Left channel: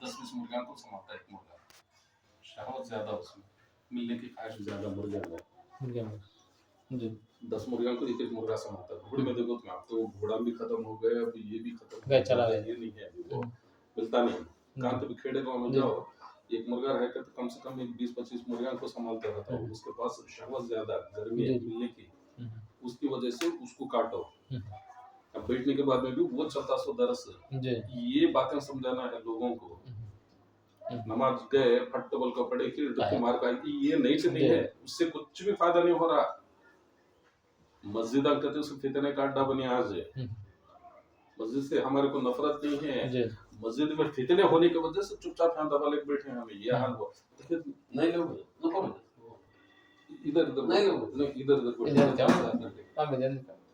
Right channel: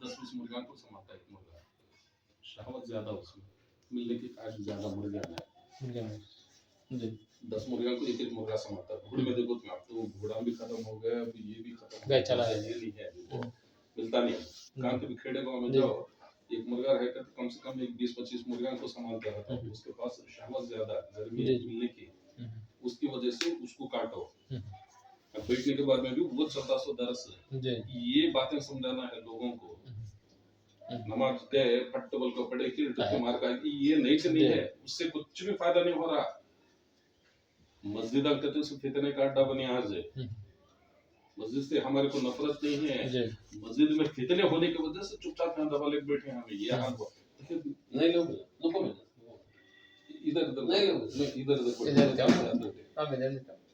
10-20 मुर्गा को संभालता है एक मुर्गा, शहवत ज्यादा उसमें, मिलने की ख्वाहिश ज्यादा मुर्गे में। जी 10 मुर्गा को एक मुर्गा संभालता है। घोड़े में देखो तुम, अब तो घोड़ा भी खत्म हो गया, अब ये भी खत्म हो गया, ये नहीं है अभी, वो मिलता नहीं है। कहाँ पे भी खेड़े गाँव में जाओ, एक मुर्गा रहेगा तो कम से कम 20-25 मुर्गा को संभालता रहता है। उसके पास शहवत ज्यादा, गर्मी है मिलने की, उसकी वजह से उसको काटो। अब बैठने के बाद में भी वो चलता सो दरस। ये बातें समझाना है लोगों को। नमाज गए फट बोल को पड़े कि डुक्की मार का, ये नहीं से नहीं है, उससे कुछ भी फायदा नहीं हो रहा। मस्जिद कहते उसको फितने का अड्डा बनी आज है। मस्जिद से हमारे को नफरत नहीं है, मस्जिद में फितने होने की वजह से चुपचाप यहाँ दबा लेके बैठे हैं। हमें ये हाल हुआ। नहीं लोग इधर इधर नहीं, इधर इधर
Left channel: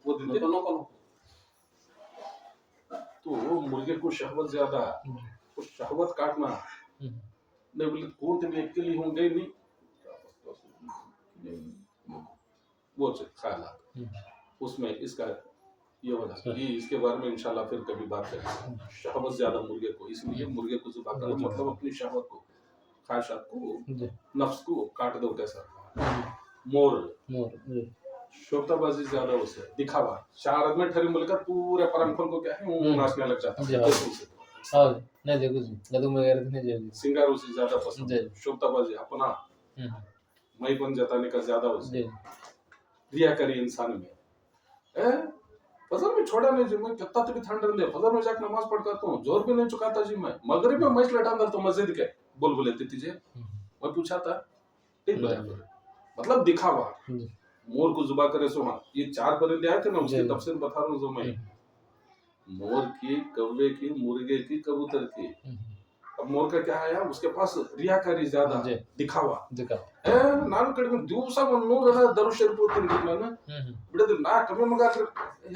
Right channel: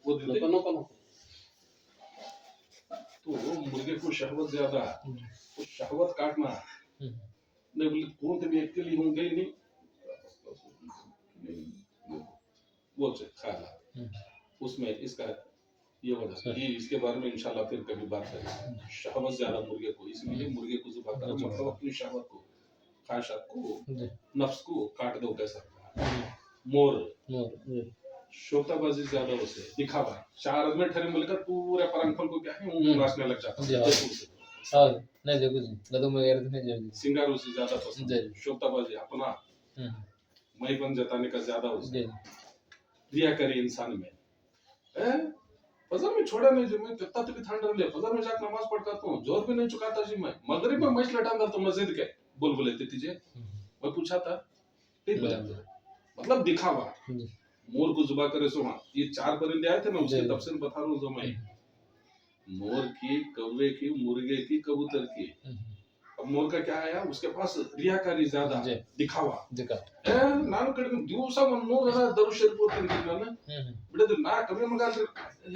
वो देते। तो मुर्गे को शहवत ज्यादा, तो शहवत काटना नहीं बोले कौन थे भी एक के लिए होंगे नहीं, वो ख्याल उसमें इसका ये हो जाता है। इसके बारे में इंशाल्लाह फिर कभी बात करेंगे। शहवत ज्यादा मुर्गे को, इसलिए मुर्गे को ज़ुबा करो, मतलब अपनी शहवत को, ख्वाहिशात को, नफ्स को काट दो। कैसा मोर शोताबाजी ज्यादा उसे दिखावा, 4 आदमी ठहरे बोलकर पूरे परम खोल को क्या है वो नाचने लग जाता है। नहीं देखो लदुम वगैरह तो नहीं जल्दी सिंगार उसे ज्यादा पसंद है। शोताबाजी अपना मईपन जताने का ज्यादा उसे रियाकारी इंसान में। फजर में छोड़ा नहीं जी, मैं कितना तक ठंड रहे, फजर में जाकर नमाज पढ़ करता हूँ, जोर भी नहीं चुकाता जी मैं। मगरिब में मैच लटा अंदर तो मस्जिद के बोल बोले तीजे मैं पूछा था ठीक बोला, मतलब दिखावा। मोर को जुबा करे सो, हाँ ये 4 परिंदे आए थे ना, उसकी तफसीर बता रहा हूँ जो मैं। मोर की, कौवे की, मुर्गे की, कबूतर की। अब मोर का क्या है, उसके पास रियाकारी ज्यादा, दिखावा। ನಾನು ಕಡಿಮೆ ದಿವಸ ಒಂದು 100 ದರುಶ್ ಶರೀಫ್ ಓದ್ತೀನಿ ನಾನು ಬಿಡೋದಿಲ್ಲ। ನಾ ಕಮ್ಮಿ ಮಗ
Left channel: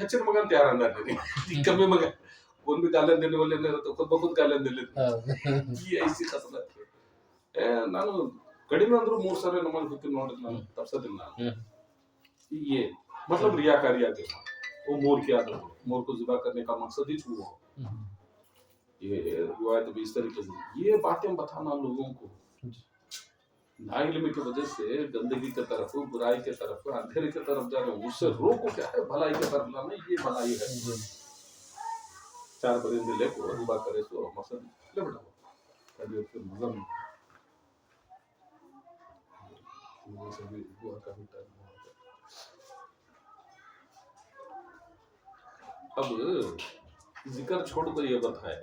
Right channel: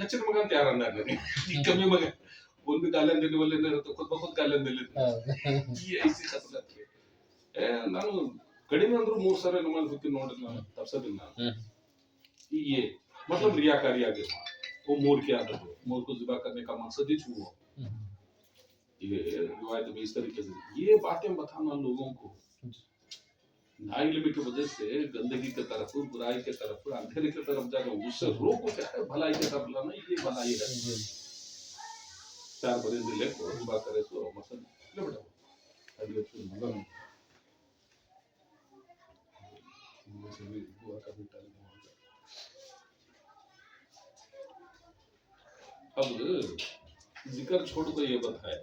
ಹೆಚ್ಚಿನ ಮಗ ಅಂತ ಯಾರು ಅಂದಾರ ನನಗೆ, कमी मग कौन भी गालन देने वाले नहीं रहते, खुद ब खुद गालन दे लेते। ये ऐसी खसलत है। ನಾನು ಕಡಿಮೆ ಅಂದ್ರೂ 3 ಸರಿ ನಮಾಜ್ ಬಿಟ್ಟು ನೋಡಿದ್ರೆ ನಾನು ತಪ್ಸೋದಿಲ್ಲ ನಾನು। ये मतलब रियाकारी आ गया। वो मोर की आदत है, मोर को ज़िबा करने का मकसद ही छुआ। ये रिवायत में इस तरीके से ये बातें बताना लोगों को, नाइल्मी की वजह से गंदगी की तरफ, बुराई की तरफ, अंधेरे की तरफ जाना, उससे रोको क्या है, भलाई की तरफ लाना, ये भलाई है। 4 परिंदे लेको ज़िबा करे तो मकसद ले बेटा तबीयत पे मगन वो सभी दुआ का भी टाइम हो गया। अब जिक्र छोड़ को ये बताए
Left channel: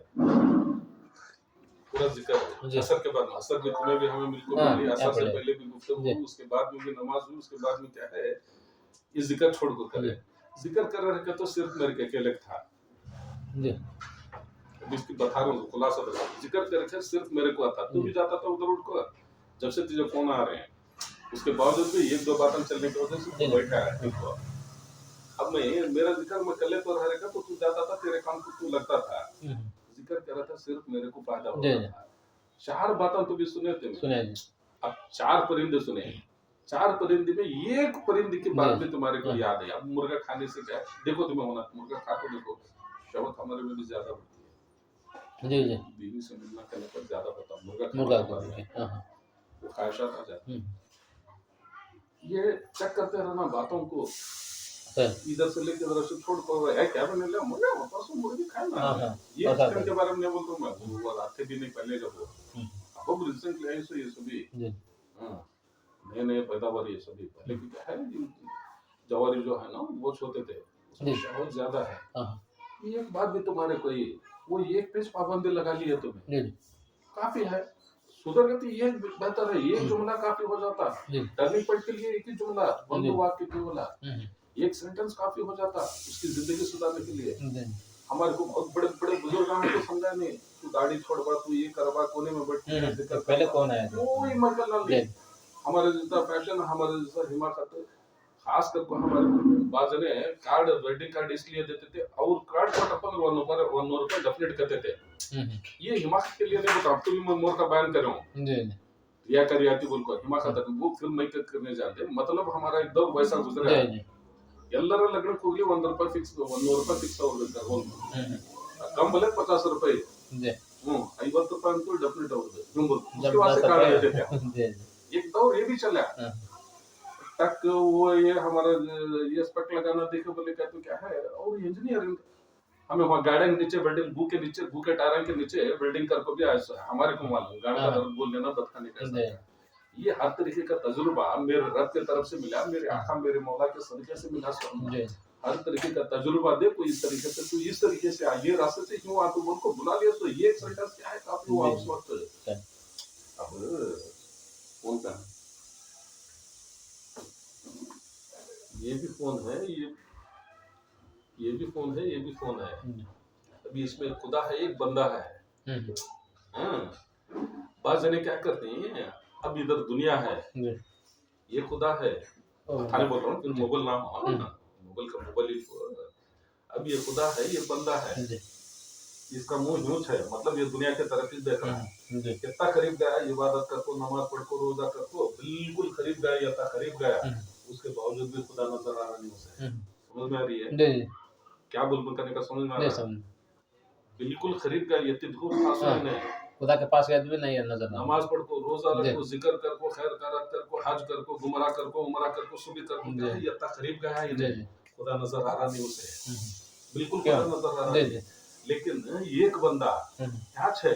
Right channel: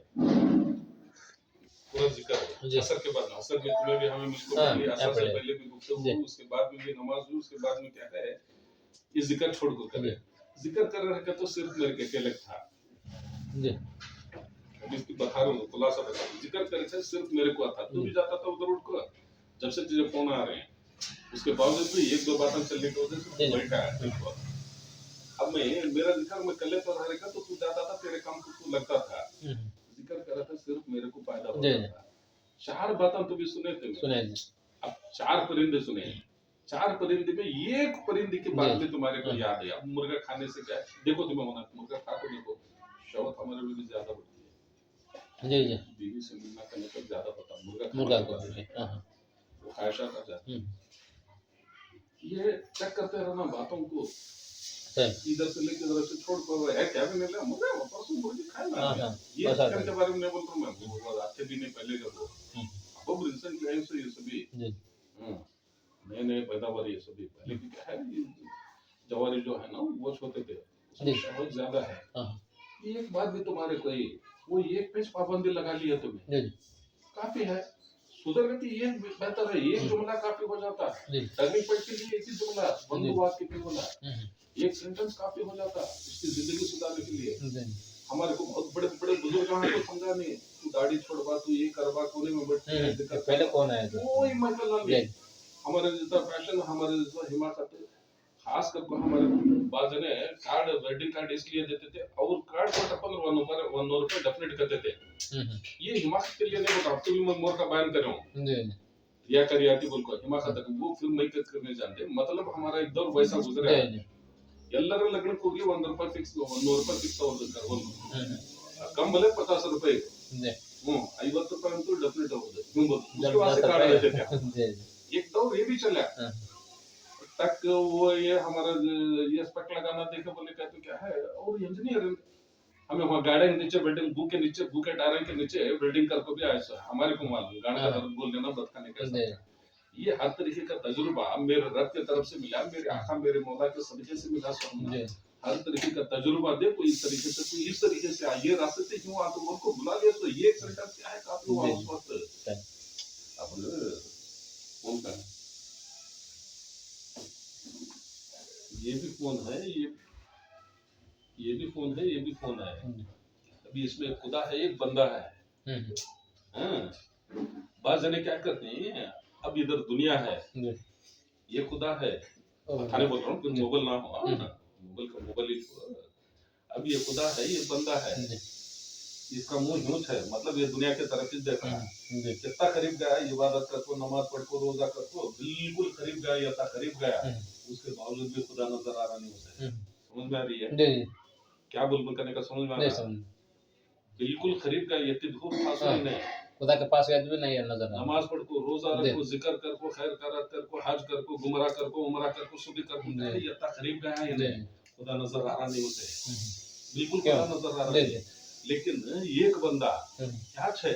पूरा जिक्र असर के बाद, असर में तुम्हें भी हमें मिलको मिली, असर से पहले भी गुफ्तगू, उसके बाद में भी नमाज हुई, उसके बाद में क्या है ये जिक्र छोड़ को करे। जिक्र कर रहे के तो सिर्फ मेरे के अकेले था जी, अब इसकी बता रहा हूँ खुलासा बता। जिक्र करे थे सिर्फ मेरे को आता, तू भी जाता था उधर उठ को, जब से तुझे फोन आ रहे हैं उसके बावजूद भी 1-2 बातें चलने की वजह से तू बैठा है ठीक हुआ। अब मैं मेरा जिक्र मैं कले पर रहेगा तो तू जाता था, तेरे काम को तू लगता था। जिक्र कर रहा था सिर्फ मेरे को फायदा होता था। 4 बातें तो भी सुने थे सुने। अब 4 परिंदे सुने, 4 परिंदे में एक परिंदे की बात भी तुम्हारे को याद है। अब मुर्गा खाने से क्या देखो, तुम्हें होना मुर्गा खा को देखो, शवत हमारे में भी ज्यादा होती है जी जी, बीवी से मिलना करने पर ज्यादा होता मुर्गा खाने के बाद में, वो ख्वाहिशात आ जाती। ये चेक करते रहना बातों को, इधर से लेके इधर से छोड़ कर है क्या बने ले मुर्गा परसों मुर्गी खाए ना। ये चिकन के बारे में नहीं बोलता हूँ मैं, वो आते भी नहीं पहले जब वो अब रिसेंटली आई सो ये सभी नए नए पैदावार ये सभी पहले की क्या है, जवारी जो है ना वो छोटे थे, उसमें शहवत ज्यादा है। एक बात भी तुम्हारे कोई वो एक पेज पाबंदी लगा ली है तुम्हें, काफी है। सुधर गति ये बेहतर है, एक जुमला काफी हो जाता। टर्निंग पॉइंट के लिए एक ही जुमला, बंद वाक्य केवल एक सेंटेंस काफी हो जाता उसकी जिंदगी सुधारने के लिए। हमारे को बहुत बड़े बड़े बुजुर्ग हैं तो समझा नहीं, तू दाढ़ी छोड़वा, तू ये करवा, कोने में बैठ के पहले कौन है कोई मतलब नहीं। हमारे जैसा फैशन, हमारे जैसा हिमाकत, खास करके हमारे बात जने कार्ड वेडिंग कार्ड इसलिए देते थे और कार्ड को अपन 1 रुपए डेफिनेट करते थे। ये हिमाकत के लिए नहीं बता, अब तो भी मैं मोर का बयान कर रहा हूँ या करियाती बोल को हिमाकत वो फिर मैं करने जानते, मतलब हमारा एक दौर वैसा गुजरा है। ಎಲ್ಲರ ಲಗ್ನಕ್ಕೆ ಹೋಗ್ಲಿ 1 ರೂಪಾಯಿ ಫಿಕ್ಸ್, 100 ರೂಪಾಯಿ ಫಿಕ್ಸ್ ಅವ್ರದ್ದು ಕರ್ಕೊಂಡು ಕಮ್ ಬಲೆ 50 ರೂಪಾಯಿ 50 ರೂಪಾಯಿ ಅಂತೂ ಡೆಫಿನೆಟ್ ಹೋಗುತ್ತೆ उसके वास्ते काट देते थे हम। एक दौर ये भी चला तक वो ये हमारा ये स्पेक्ट लगाना देखे बोले क्या तो क्या है और इंजीनियर हमें वहाँ गार्डन के नीचे बिल्डिंग भू के नीचे भू के टायर के नीचे बिल्डिंग कर को भी आया हमारे को मालूम गाड़ का दर्द बोल देना बतखाने कैसा ये हर तरीके का तजुर्बा मेरे रब के तरफ से मिला मेरे आका मेरे मौला के सदके से मिला हर तरीके का तजुर्बा दे कोई इस तरीके से कोई इस तरीके से आइए रास्ते से क्यों आप उनको बुला लिया तो ये एक सेंटेंस क्या है काफी हुआ उस वक्त अब उनका ये भी फोन है ये भी फोन है ये भी फोन है अभी इसमें खुदा है एक बंदा है बात जने क्या करते हैं अब इधर दुनिया है ये खुदा है थाने बोल रहा हूँ फिर मोबाइल ना हो मोबाइल का मोबाइल ही अब ये खुदा है ये बंदा है इसका मुंह यूं है मतलब ये दुनिया के तरफ ही देख रहा है कितना करीब गया इबादत कर को नमाज पढ़ को रोजा कर को बिल्कुल करीब गया या करीब गया उसके बावजूद भी खुदा नजर आ रहा नहीं उसे समझ में आ रही है क्या बुलबुल करने का समझ में आ रहा है बिल्कुल करीब गया ये दूर था नहीं खुदा के पास गए भी नहीं नजर नमाज पढ़ को रोजा रखो जिक्र कर को खैर करात कर को हज कर को गुमराह कर को उमरा कर को सुबह कर को ये इतना करीब गया है इन्हें खुदा नजर आ रहा नहीं उसे बिल्कुल खुदा नजर आ रहा नहीं लेकिन एक बंदा क्या है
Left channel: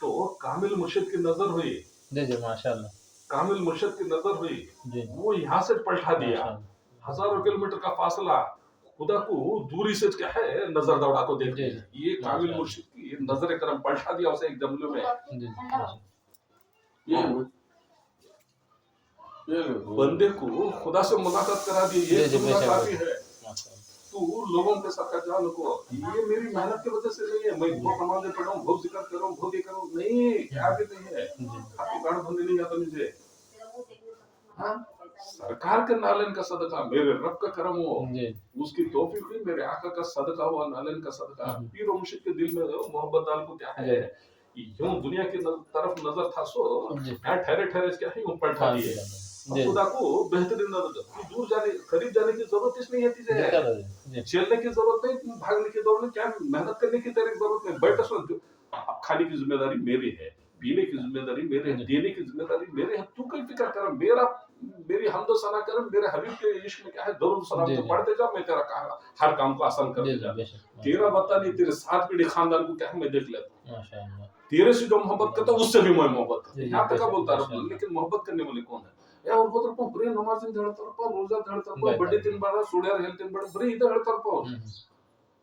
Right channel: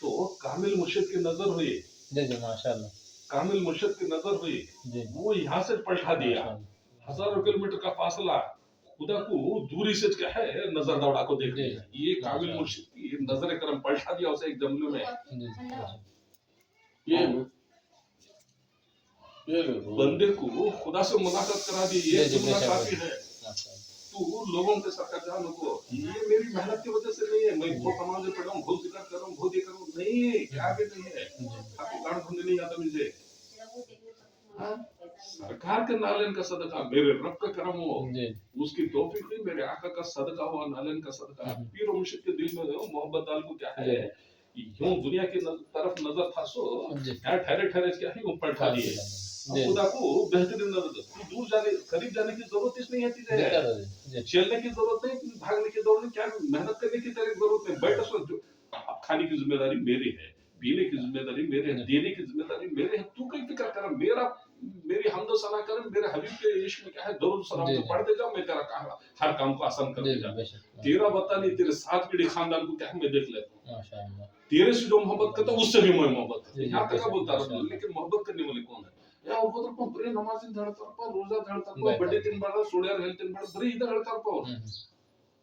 तो कामिल मुर्शिद की नजर हुई जी जी माशाल्लाह कामिल मुर्शिद की नजर हुई वो यहाँ से पलटा दिया हजारों किलोमीटर का फासला खुदा को दूरी से क्या है नजर दौड़ा को देख लिया ये कामिल मुर्शिद की नजर करम पलटा दिया उसे एक जमले में ये बंदे को खुदा से मुलाकात करा दी ये मुलाकात है तू लोगों के साथ जान को ये मेरी मेहनत की वजह से नहीं है मैं बहुत नमाज़ें पढ़ा हूँ बहुत जिक्र कर रहा हूँ बहुत ये कर रहा हूँ नहीं क्या भी नहीं है आपको गान भरने नहीं आता मुझे सरकार के नालन का सदका मेरे रब का करम हो उसकी तौफीक हुई मेरे आका का सदका हुआ नालन का सदका पीर और मुर्शिद के दिल में मोहब्बत डाल को क्या है यूं दुनिया की तरफ नजर था सो क्या ठहरे ठहरे क्या है वो पलटा दिए खुदा को बेहतरीन नजर तू दूर जाने करीब जाने की जरूरत इसलिए है तुझे चलने की जरूरत नहीं भागने की जरूरत नहीं क्या मेहनत करने की तेरी जरूरत नहीं बैठ सो अब खाने की जिम्मेदारी मेरी है पीने की जिम्मेदारी मेरे है देने की जिम्मेदारी मेरे है तू कोई फिक्र कर मेरी हमदो सना कर मेरे हबीब के इश्क में क्या है दरूद सलाम तो पढ़ते जा मैं तेरा हर काम को आसान करते जा तेरा बता नहीं तेरे 7 पीढ़ी खानदान को क्या मैं देख लेता हूँ माशाअल्लाह तेरे से जो मोहब्बत करता उससे भी मैं मोहब्बत करता यहाँ तक बोलता रहा लेकिन मोहब्बत करने वाले कौन है या और होतर पण बरे नमाज ಹೇಳ್ತಾರಪ್ಪ ರೋಜಾ ಹೇಳ್ತಾರಪ್ಪ ಬಡ್ಡಿ ತಿನ್ಬಾರ ಸುಳ್ಯಾರ ಹೇಳ್ ತಿನ್ಬಾರ ಬರೀ ಇದು ಹೇಳ್ತಾರಪ್ಪ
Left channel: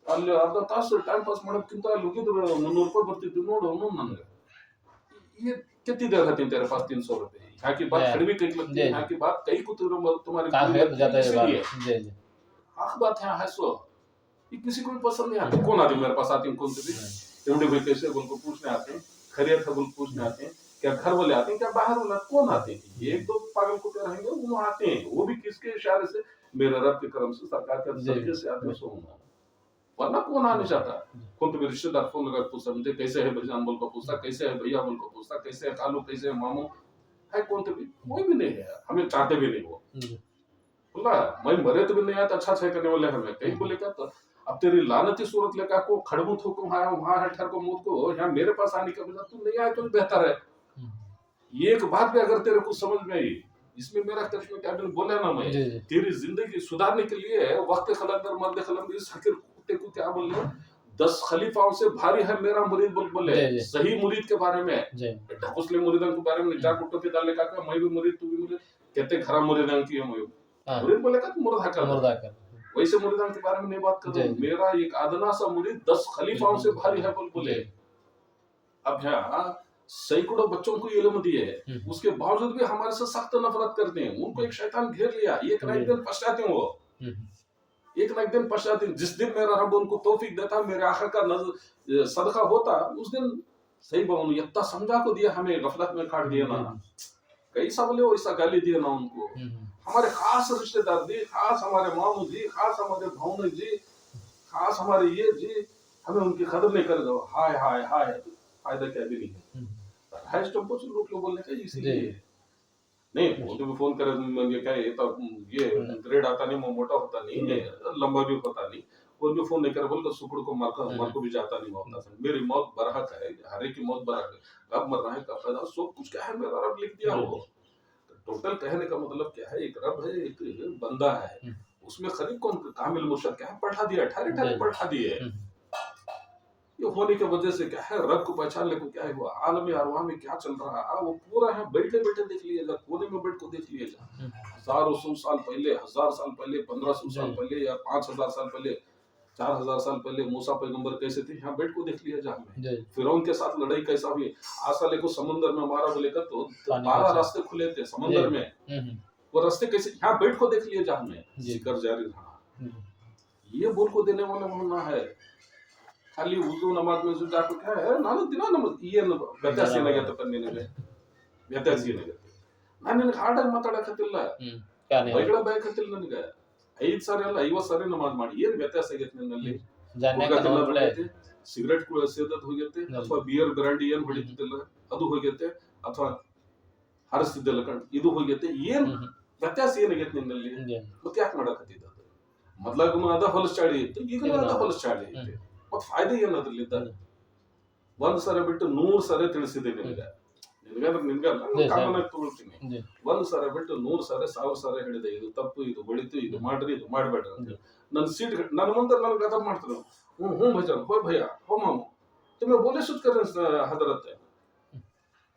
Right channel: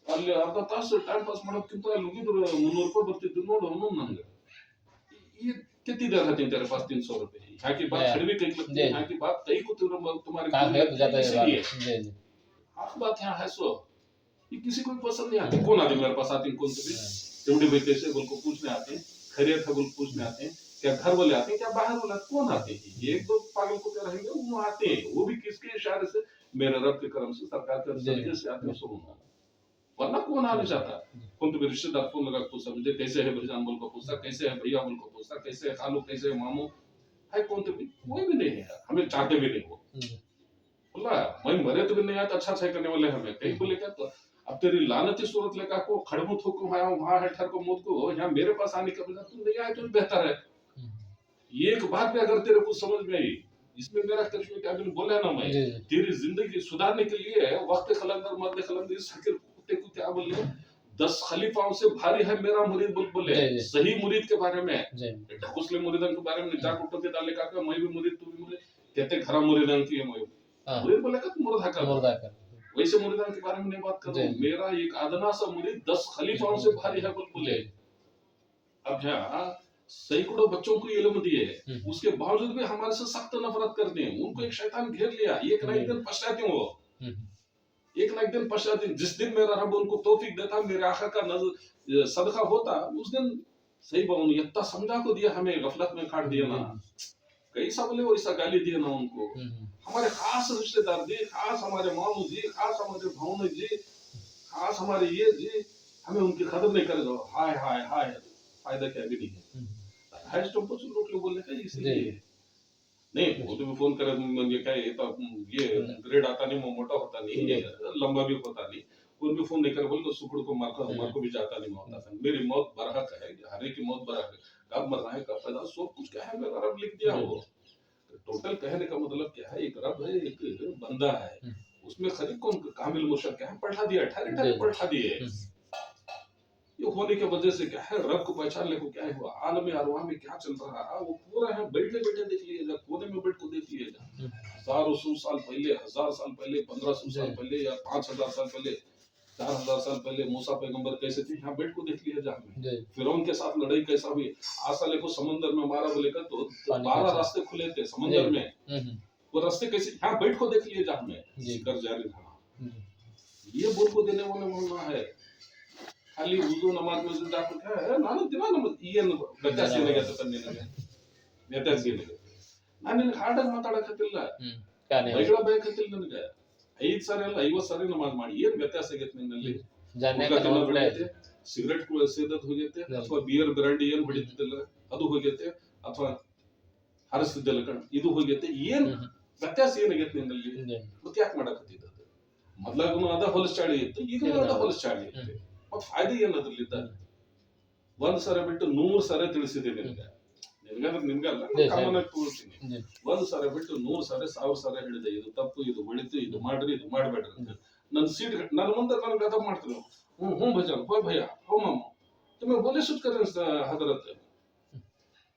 ಅಲ್ಲಿ ಅರ್ಧ ತಾಸು ಟೈಮ್ ಪಾಸ್ ಮಾಡೋಕ್ಕಿಂತ ಅಲ್ಲಿ ಹೋಗಿದ್ರು 300 ರೂಪಾಯಿ ಬರ್ತಿತ್ತು ನೋಡು ಅವನು ನನಗೆ ये कितनी देर रहते हैं तेरे पास 300 रुपए यहाँ की बात खड़वी कहीं लगती है यहाँ की बात कहीं को तुम्हारी आख बात यहाँ है सो ये किसी को भी पसंद नहीं आती कौन आदमी मेरे पास आते हैं कौन से भी एवढे भाई कैसे बोल को पूछने आते हैं खैरियत है बोल पूछने आते हैं क्या घर वाले आते हैं क्या बाहर वाला कौन आते हैं एक दो पागल को क्या रहेंगे वो आते हैं वो भी किसके इशारे से मेरे रब के करम से सरकार के तरीके से आते हैं सो वरना कौन आने चाहता कौन तो रिश्तेदार फोन लगा पूछा मुझे कैसे है भाईजान बोल को पूछता कैसे है भैया बोल को पूछता कैसे है खालू कैसे है मामू है कौन तो भी कोई भी नहीं है हमें चाहते भी नहीं वो बोला मैं मरे तो भी नहीं आता अच्छा छह करने वाले हमें कहीं बोले क्या तो अब तेरी लानती सूरत लेकर को खड़मू थोको वहां हठर को मौत को यहाँ मेरे पास आने का बजाय तू नहीं आए तो बेहतर है एक बात भी अगर तेरे को समझ में आई इसमें मेरा करिश्मा क्या मैंने बोला ना मैं तेरी जिंदगी सुधारने के लिए वक्त खलंदर मर्द खलंदर इस हकीर कुत्ते को क्या बोल रहे 10 खलीफाओं से भारी है मेरा मुरीद बोले सही मुरीद के बारे में ढकुसले मुरीदन के बारे में जा कुट्टो के डालने का मैं भी मुरीद तू भी मुरीद कहते खरा मुरीदन की मुरीद बोले का मुर्दा कर वैसे मुरीदन के बारे में नहीं बात कर रहा हूँ मेरा एक आदना सा मुरीद 10 खलीफाओं से भारी है बोले अब यहाँ सैकड़ों बच्चों को इल्म दिए उसके बावजूद भी हमारे से सख्त नफरत करते हैं उनको एक शैतान घेर लिया एक ना एक दिन पछताते हैं वो एक ना एक दिन पश्चात जिस दिन मेरा रब उनको तौफीक देता मेरे आखा का सदका होता उस दिन सही बात इतना समझा को दिया हमें गफलत में काट दिया ना कैसा बोले वैसा गाली दिया ना उनको हमारे खास रिश्तेदार जी खास हमारे मामू जी खास हमारे भावने जी खास हमारे ये जी हमें उनकी कदर नहीं कर दो हाय हाय हाय फायदा क्या भी नहीं है हैश टेम्पो से लोग बोलने का इसलिए नहीं वो तो भी फोन करे ये क्या ये तो ये ग्रेड आता नहीं मोटा होता नहीं लंबा भी होता नहीं कोई भी फोन नहीं करे बोल सुकुड़ को मर को भी जाता नहीं होता था। मेरी मौत बरहक है, हर एक की मौत बरहक है, कब मरना है कब पैदा, सब कुछ क्या है मेरा रब लिख दिया वो। टोटल कहने का मतलब क्या है, एक रब है, एक बंदा है, उसमें खरीब कौन कामिल मुशक क्या है, पढ़ा दिया, ठहरे ठहरे पढ़ा दिए। ये होने की वजह से क्या है, रब को पहचानने को क्या है, वो आलम अरवाह में क्या चल रहा है वो पूरा है, बैठे बैठे देख लिया जा, कोने में बैठ को देख लिया जा। हजारों सौ साल पहले, 1000 साल पहले, 1500 साल पहले या 5000 साल पहले, 4000 साल पहले मूसा पैगंबर कैसे थे, यहाँ बैठ को देख लिया जा हमें। फिरौन के साथ लड़ाई कैसा हुई, आसाले को समुद्र में मारा बोले का तो 12 रास्ते खुले थे समुद्र में, वो रास्ते कैसे, यहाँ बैठ को देख लिया जा हमें। जिक्र जारी रहा, ये बोल को देने वाला होना है। खाली उर्दू नमाज में जाकर क्या है, ನಾನು ದಿನ ನಮಾಜ್ ಏನು ವ್ಯತ್ಯಾಸ ಏನಾಗೈತಪ್ಪ ನಿನಗೆ, ವ್ಯತ್ಯಾಸ ಏನಾಗೈತೆ, ನಾನು ನಿನಗೆ ಹಾರ್ಡಾಗಿ ಮಾತಾಡಕತ್ತಿಲ್ಲ, ಬೈಗಳ ಬಯಕತ್ತಿಲ್ಲ, ನನಗೆ 5 ಸಾರಿ ಅಲ್ಲ 50 ಸಾರಿ ನಮಾಜ್ ಮಾಡಿ ಏನು ವ್ಯತ್ಯಾಸ ಆಗೈತೆ ನಿನ್ನಲ್ಲಿ, ಸಿಗರೇಟ್ ಸೇದದ್ ಹೋಗೈತೆ, ಅಥವಾ ಬಿಯರ್ ಬ್ರಾಂಡಿ ಏನು ಹೊಡಿತಿದ್ದಿಲ್ಲ ಅದು ಹೋಗೈತೆ, ಅಥವಾ ಹರಿಸ್ತಿದ್ದಿಲ್ಲ ಕಣ್ ಇದು ಹೋಗೈತೆ, ಏನ್ ವ್ಯತ್ಯಾಸ ಏನಾಗೈತೆ ನಿನ್ನಲ್ಲಿ, ಮತ್ತೆ ಯಾಕೆ ಮಾಡಕತ್ತಿದ್ದ? ಮೊದ್ಲಾಗೂ ಅದ ಹೊಲಸ್ ಚಾಡಿ ಇತ್ತು, ಈಗಲೂ ಅದ ಹೊಲಸ್ ಚಾಡಿ ಐತೆ, ಮತ್ತೆ ಫಾಯ್ದೆ ಏನದ್ರಲ್ಲಿದ್ದ? ಒಂದ್ ಸಾರಿ ಬಿಟ್ಟು 100 ಸಾರಿ ತಿಳಿಸಿದೆ ನಿನಗೆ, ನಿನ್ಗಲ್ಲ ಕಾಮನ್ ಆಗಿ ತಗೊಳ್ತೀನಿ, 1 ಸಾರಿ ಬಿಟ್ಟು 100 ಸಾರಿ 1000 ಸಾರಿ ಹೇಳಿದೆ, ಇದು ತಪ್ಪು, ಇದು ಒಳಿತು, ಇದು ಮಾಡ್ರಿ, ಇದು ಮಾಡ್ಬೇಡ್ರಿ ಅಂತ. ನನ್ನ ಸೀಟ್ ನನ್ನ ಮುಂದೆ ನನಗೆ ಅದ ಮಾಡ್ತಾರೆ, हूँ भजन हो भैया हो मामू, तुम्हें बोले शुद्ध करें हजरत,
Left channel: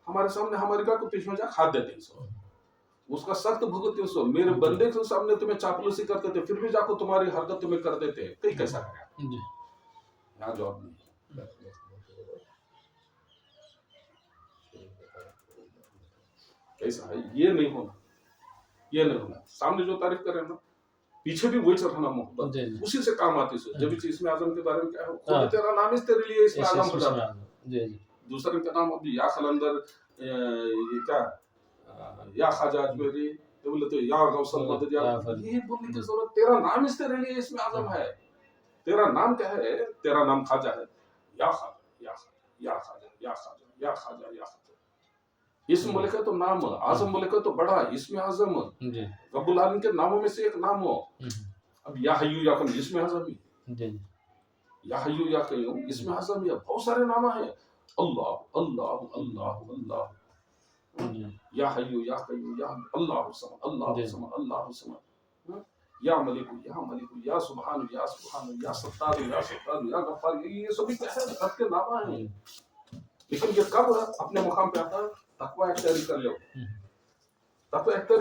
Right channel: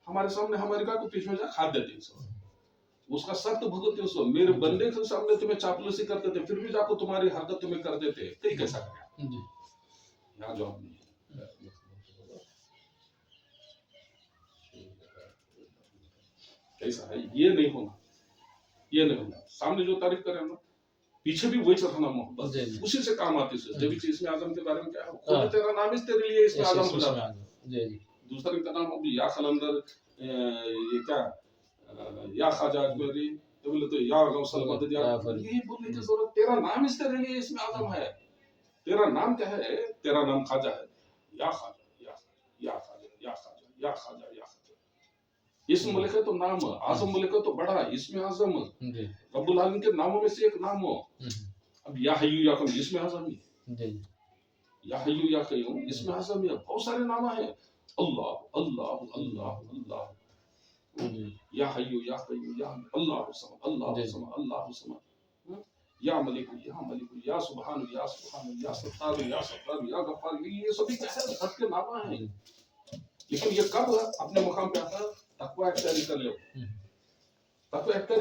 हमारे सामने हमारी का को 300 खाद्य 300, उसका सख्त भुगत 300, मेरे बंदे के सामने तुम्हें चापलूसी करते थे, फिर भी जाको तुम्हारी हरकत तुम्हें कर देते, कई कैसा करें? यहाँ जवाब नहीं, कैसा है, ये नहीं होना, ये नहीं होना। सामने जो तारीफ करे ना, पीछे भी वही चढ़ाना मोहब्बत, उसी से काम आती है। जब इसमें आजम के बारे में क्या है, खुद तेरा नाम इस तेरे लिए इसमें आजम हो जाता है, दूसरे का नाम अभी या खलंदर, ये क्या या ख्वाजा अजमेरी, ये बोले तो या गौसल मदद, या ये बोलने की जरूरत, तेरा नाम इस तेरे लिए इसमें आजम है। तेरा नाम क्या है? तेरा नाम ख्वाजा है, या ख्वाजा या ख्वाजा या ख्वाजा या ख्वाजा या ख्वाजा या ख्वाजा, इसम बोले का तो नाम, आजम बोले का तो बड़ा, इसमें आजम रब्बुल आलमीन के नामों में से एक नाम हो। अब या हय्यू या कय्यूम इसमें आजम ही, या हय्यू या कय्यूम इसमें आजम ही, बहुत सारे नाम हैं, अल्लाह अल्लाह अल्लाह अल्लाह, या हय्यू या कय्यूम, या अल्लाहु समद अल्लाहु समद अल्लाहु समद, या मलिकु या सुब्हानु या सत्तारु या गफ्फार, ये सभी कैसे रब के नाम हैं। लेकिन ये कब अपने मुकाम पे आता है? तकवा इख्तियार कर लो, तकवा इख्तियार